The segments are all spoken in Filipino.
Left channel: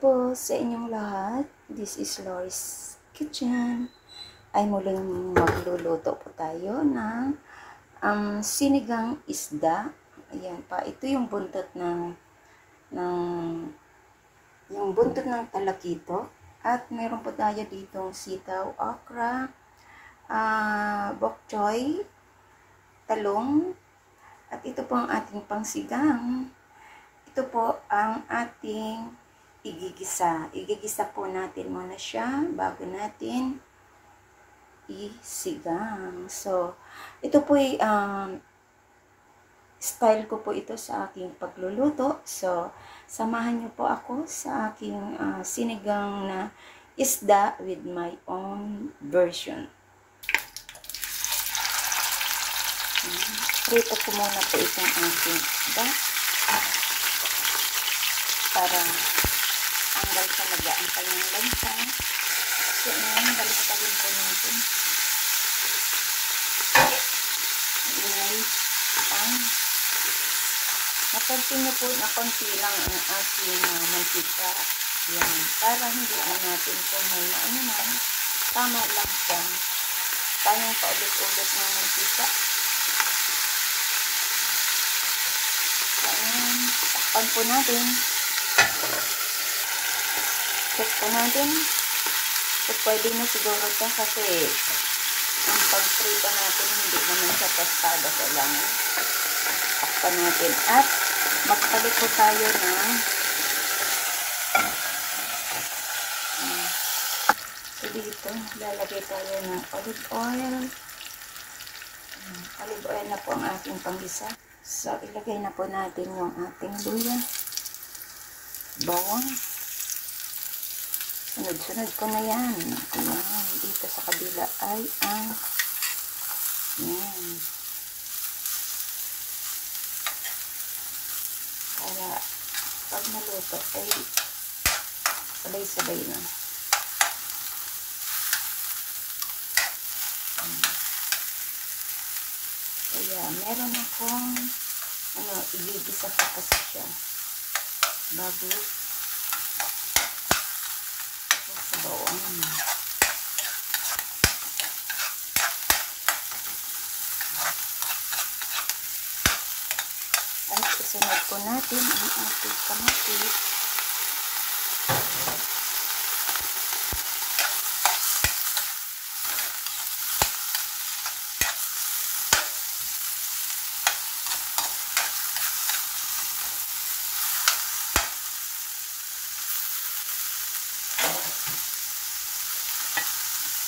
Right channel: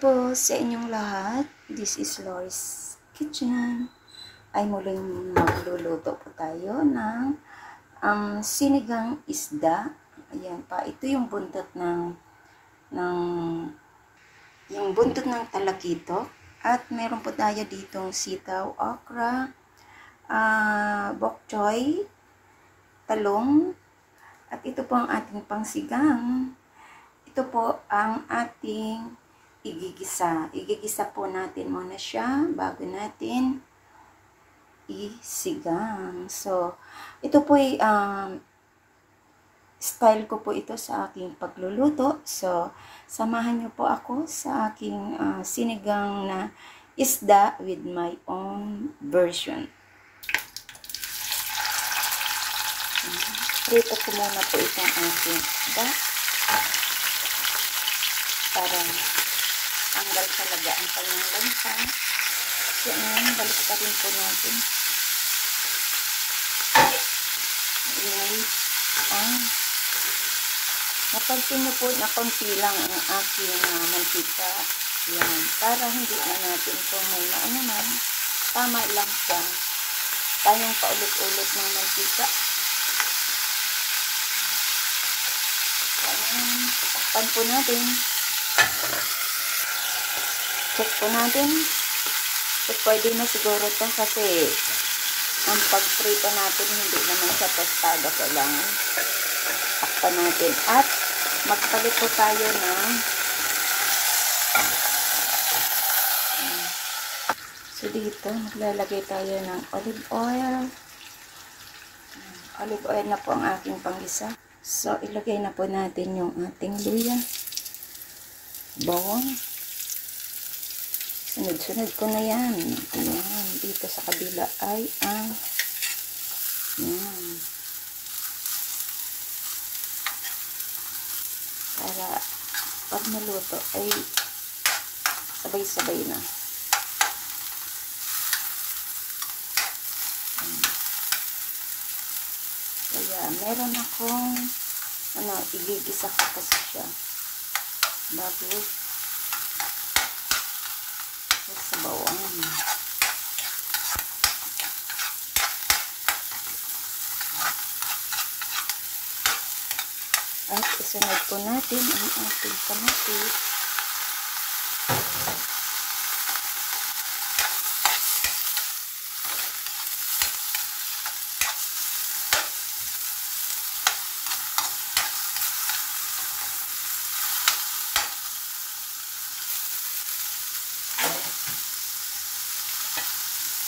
po sa inyong lahat. This is Lori's Kitchen. Ay muling magluluto po tayo ng sinigang isda. Ayan pa. Ito yung buntot ng talakito. At meron po tayo ditong sitaw, okra, bok choy, talong. At ito po ang ating pangsigang. Ito po ang ating igigisa. Igigisa po natin muna siya bago natin isigang. So, ito po ay style ko po ito sa aking pagluluto. So, samahan niyo po ako sa aking sinigang na isda with my own version. Prito ko muna po itong aking isda para tanggal talaga ang kanyang lansa. So, ngayon, balik pa rin po natin. Ayan. Napansin niyo po na konti lang ang aking mantika. Yan. Para hindi na natin po may naman. Tama lang siya. Tayong paulit-ulit ng mantika. Ayan. Takpan po natin. Check po natin. So, pwede na siguro ito kasi ang pag-prito natin hindi naman siya pastada. Kailangan takpan natin. At magpalit po tayo ng so dito, maglalagay tayo ng olive oil. Olive oil na po ang ating pang-isa. So, ilagay na po natin yung ating luya. Bawang. Sunod-sunod ko na yan. Ayan. Dito sa kabila ay ang yan. Para pag naluto ay sabay-sabay na. Kaya meron akong igigisa ko kasi siya bago sa bawang. At isunod po natin ang ating kamatis.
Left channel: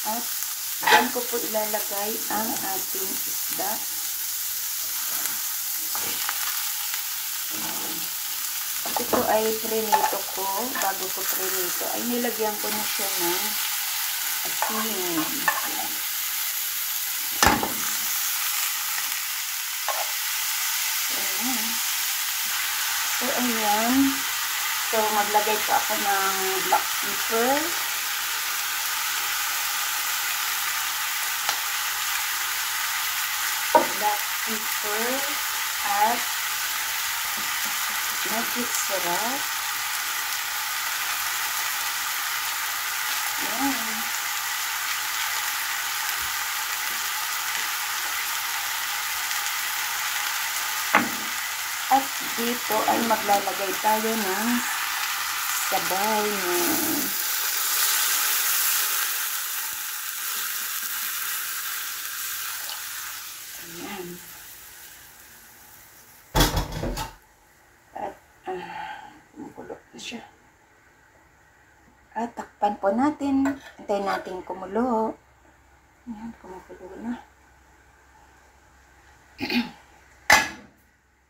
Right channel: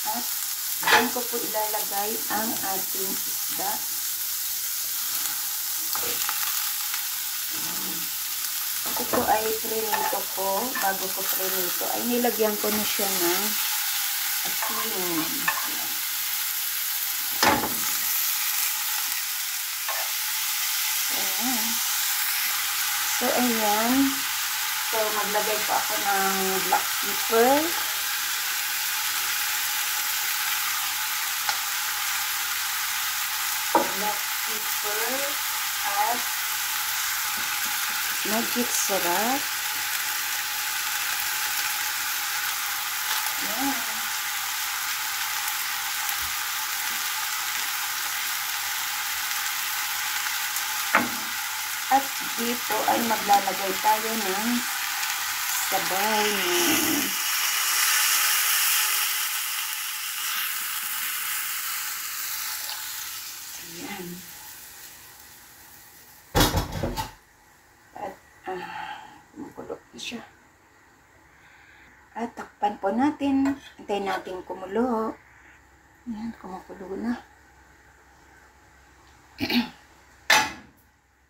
At dyan ko po ilalagay ang ating isda. Ito ay prinito ko. Bago ko prinito ay nilagyan ko na siya ng asin. Ayan. So, ayan. So, maglagay po ako ng black pepper. At magic syrup. Yan. At dito ay maglalagay tayo ng sabay. Ayan. At kumukulo na siya. At takpan po natin. Antayin natin kumulo. Ayan, kumukulo na.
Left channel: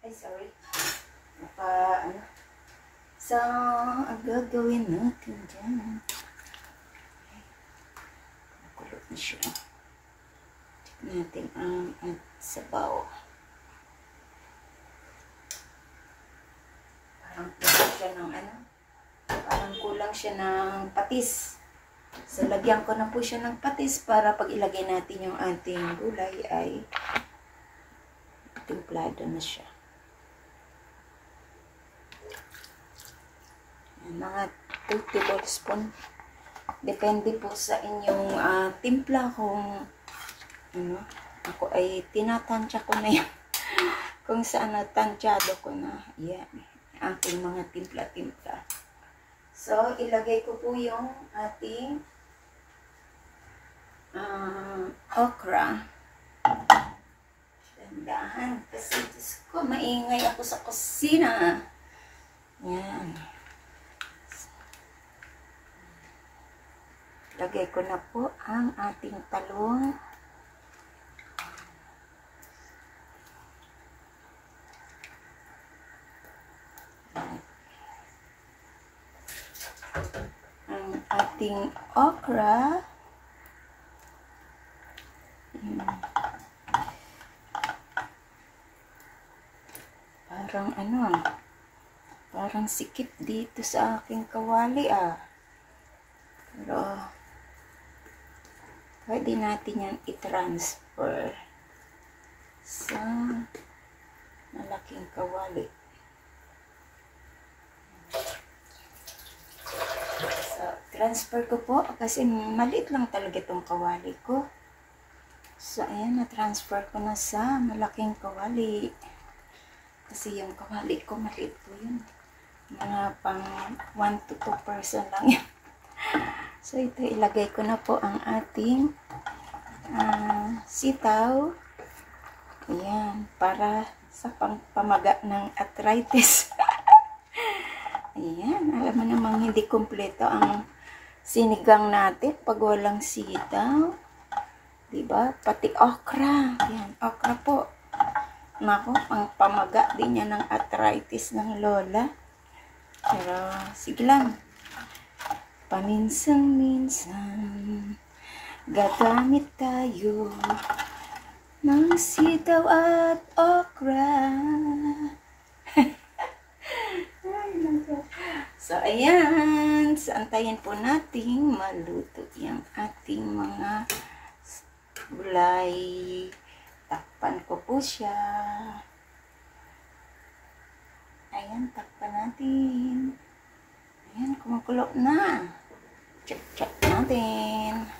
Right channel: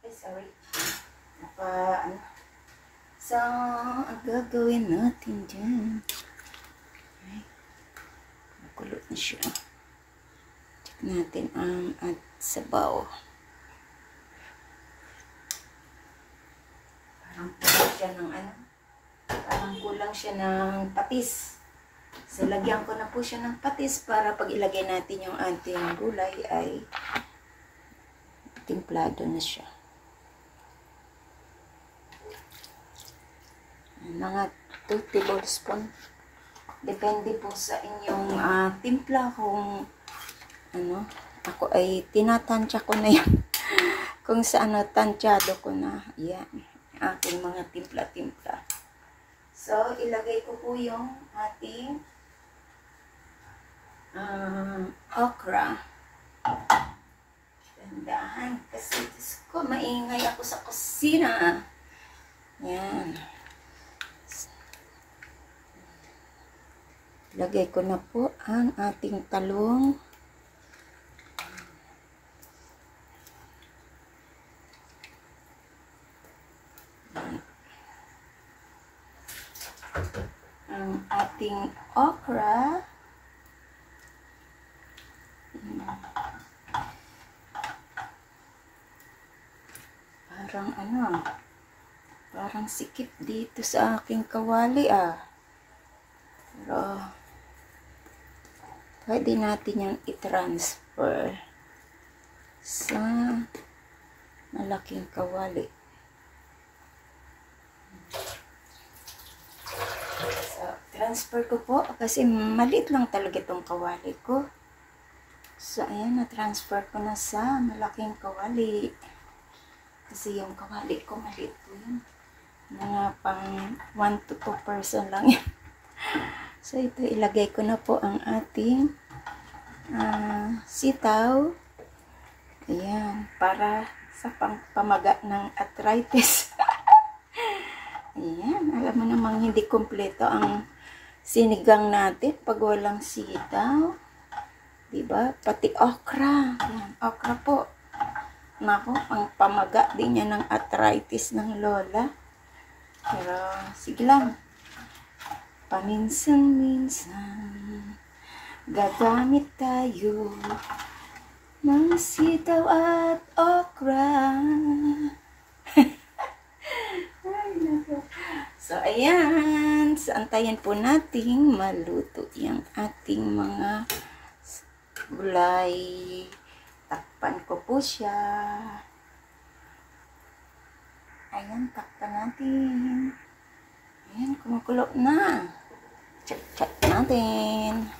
Ay, sorry. So, ang gagawin natin dyan. Okay. Kumukulo na siya. Check natin ang sabaw. Parang kulang siya ng parang kulang siya ng patis. So, lagyan ko na po siya ng patis para pag ilagay natin yung ating gulay ay timplado na siya. Mga tablespoon. Depende po sa inyong timpla kung ano. Ako ay tinatansya ko na yan. Kung sa tansyado ko na. Yan. Aking mga timpla-timpla. So, ilagay ko po yung ating okra. Dandahan. Kasi Diyos ko, maingay ako sa kusina. Yan. Lagay ko na po ang ating talong. Ang ating okra. Parang parang sikip dito sa aking kawali Pero pwede natin yung i-transfer sa malaking kawali. So, transfer ko po kasi maliit lang talaga itong kawali ko. So, ayan, na-transfer ko na sa malaking kawali. Kasi yung kawali ko, maliit po yun. Mga pang 1 to 2 person lang yan. So, ito, ilagay ko na po ang ating sitaw. Ayan, para sa pamaga ng arthritis. Ayan, alam mo namang hindi kompleto ang sinigang natin pag walang sitaw. Diba? Pati okra. Ayan, okra po. Nako, ang pamaga din niya ng arthritis ng lola. Pero, sige lang. Paminsan-minsan, gagamit tayo ng sitaw at okra. So, ayan. So, antayin po natin maluto yung ating mga gulay. Takpan ko po siya. Ayan, takpan natin. Ayan, kumukulo na. Check natin.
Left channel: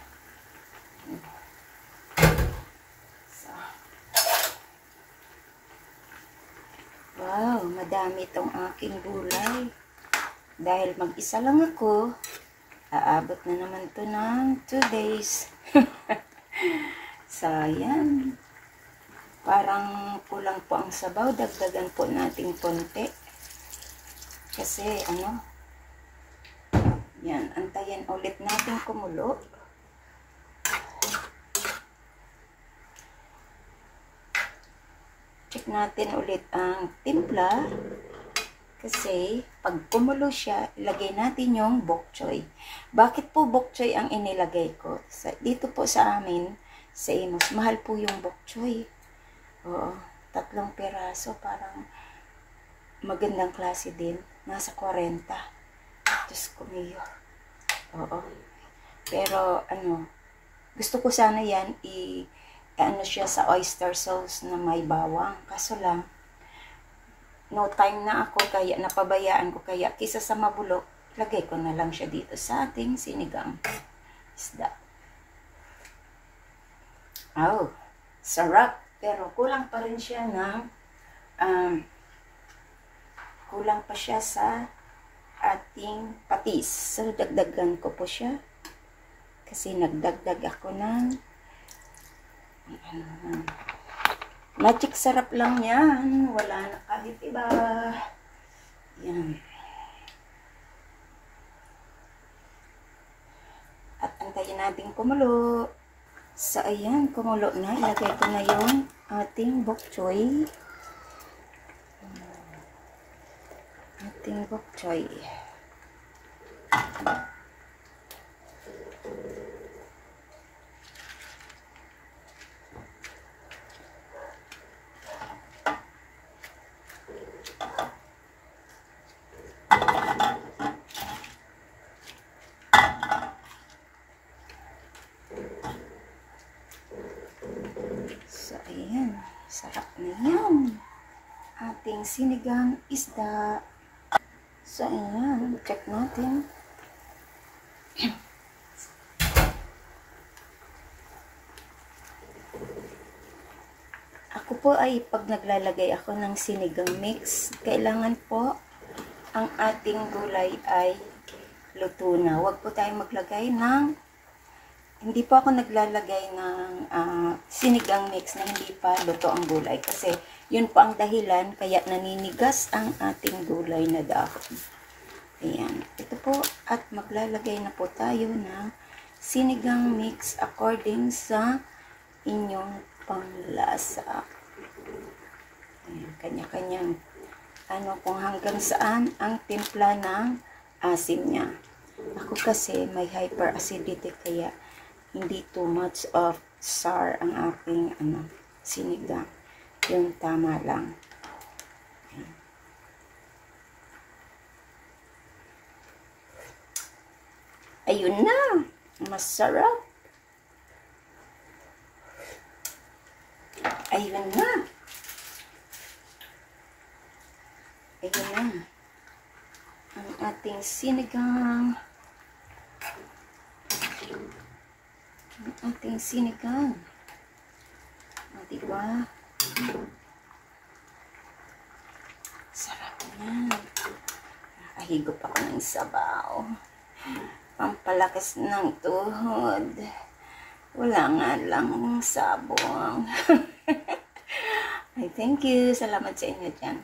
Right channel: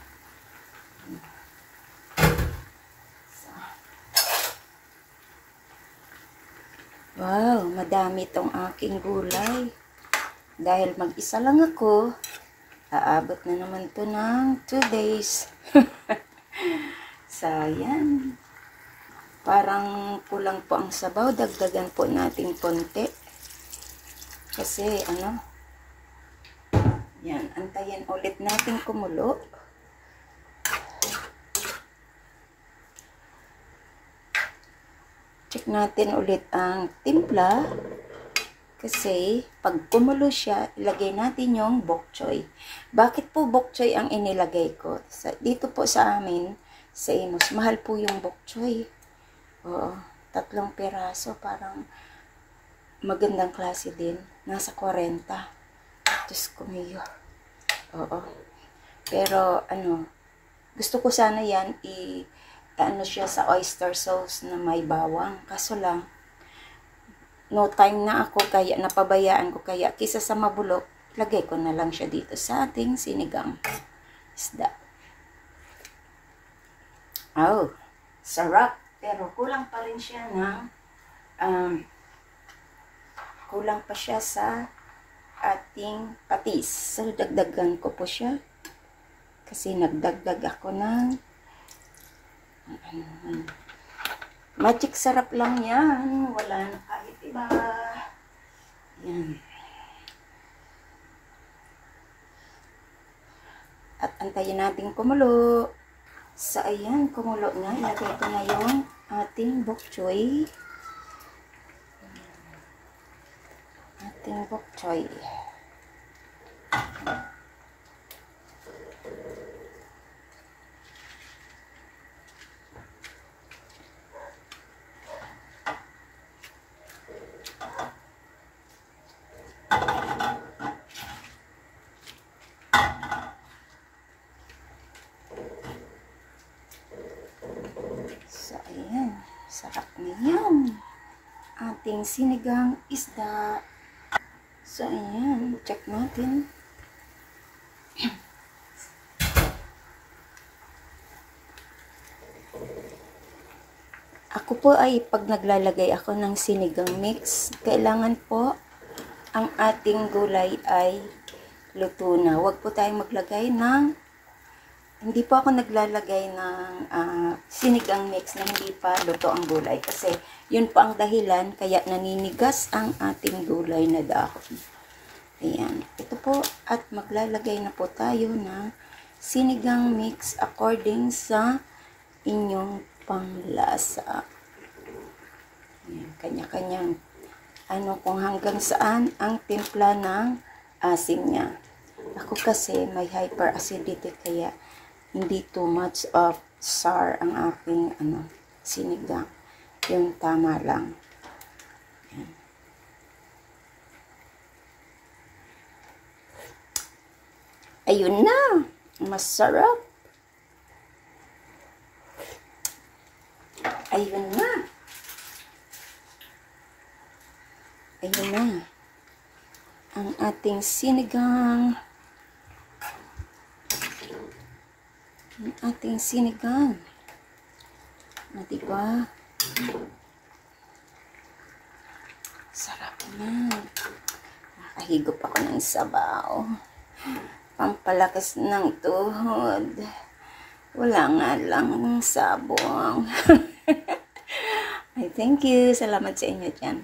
So. Wow, madami itong aking gulay. Dahil mag-isa lang ako, aabot na naman to ng 2 days. So, ayan. Parang kulang po ang sabaw. Dagdagan po natin konti. Kasi, yan, antayin ulit natin kumulo. Check natin ulit ang timpla. Kasi, pag kumulo siya, ilagay natin yung bok choy. Bakit po bok choy ang inilagay ko? Dito po sa amin, sa Imus, mahal po yung bok choy. Oo, 3 piraso, parang magandang klase din. Nasa 40. Diyos ko mayo. Oo. Pero, gusto ko sana yan, siya sa oyster sauce na may bawang. Kaso lang, no time na ako, kaya napabayaan ko, kaya kisa sa mabulok, lagay ko na lang siya dito sa ating sinigang isda. Oh, sarap. Pero kulang pa rin siya ng kulang pa siya sa ating patis. So, dagdagan ko po siya. Kasi nagdagdag ako ng magic sarap lang yan. Wala na kahit iba. Yan. At antayin natin kumulo. So, ayan, kumulo na. Ilagay ko na yung ating bok choy. Ating bok choy. So, ayan. Sarap na yan. Ating sinigang isda. So, ayan. Check natin. Ako po ay pag naglalagay ako ng sinigang mix, kailangan po ang ating gulay ay luto na. Huwag po tayong maglagay ng, hindi po ako naglalagay ng sinigang mix na hindi pa luto ang gulay. Kasi yun po ang dahilan kaya naninigas ang ating gulay na dahon. Ayan. Ito po at maglalagay na po tayo ng sinigang mix according sa inyong panglasa. Kanya-kanyang kung hanggang saan ang timpla ng asin niya. Ako kasi may hyperacidity kaya hindi too much of sour ang aking sinigang. Yung tama lang. Ayun na. Masarap. Ayun na. Ayun na. Ang ating sinigang. Ang ating sinigang. Diba? Sarap na. Nakahigop ako ng sabaw. Pampalakas ng tuhod. Wala nga lang ng sabong. Ay, thank you. Salamat sa inyo dyan.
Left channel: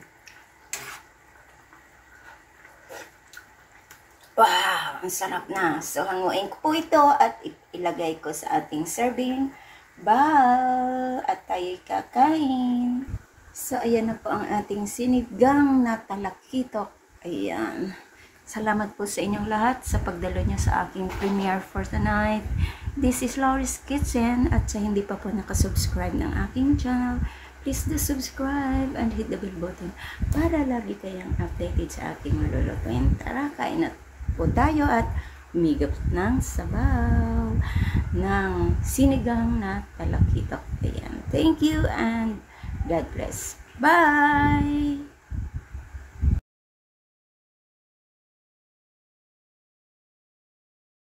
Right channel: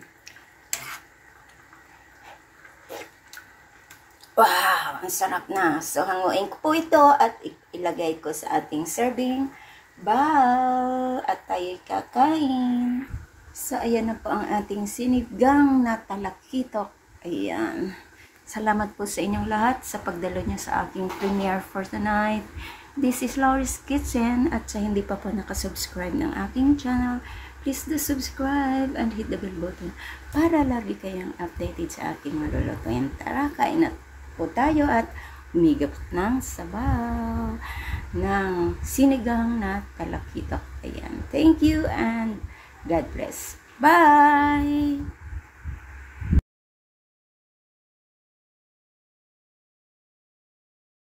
Wow! Ang sarap na. So, hanguin ko po ito at ilagay ko sa ating serving bowl. At tayo'y kakain. So, ayan na po ang ating sinigang na talakitok. Ayan. Salamat po sa inyong lahat sa pagdalo nyo sa aking premiere for tonight. This is Laurie's Kitchen at sa hindi pa po nakasubscribe ng aking channel, please do subscribe and hit the bell button para lagi kayong updated sa aking malulutuin. Tara, kain na po tayo at umigap ng sabaw ng sinigang na talakitok. Ayan. Thank you and God bless. Bye!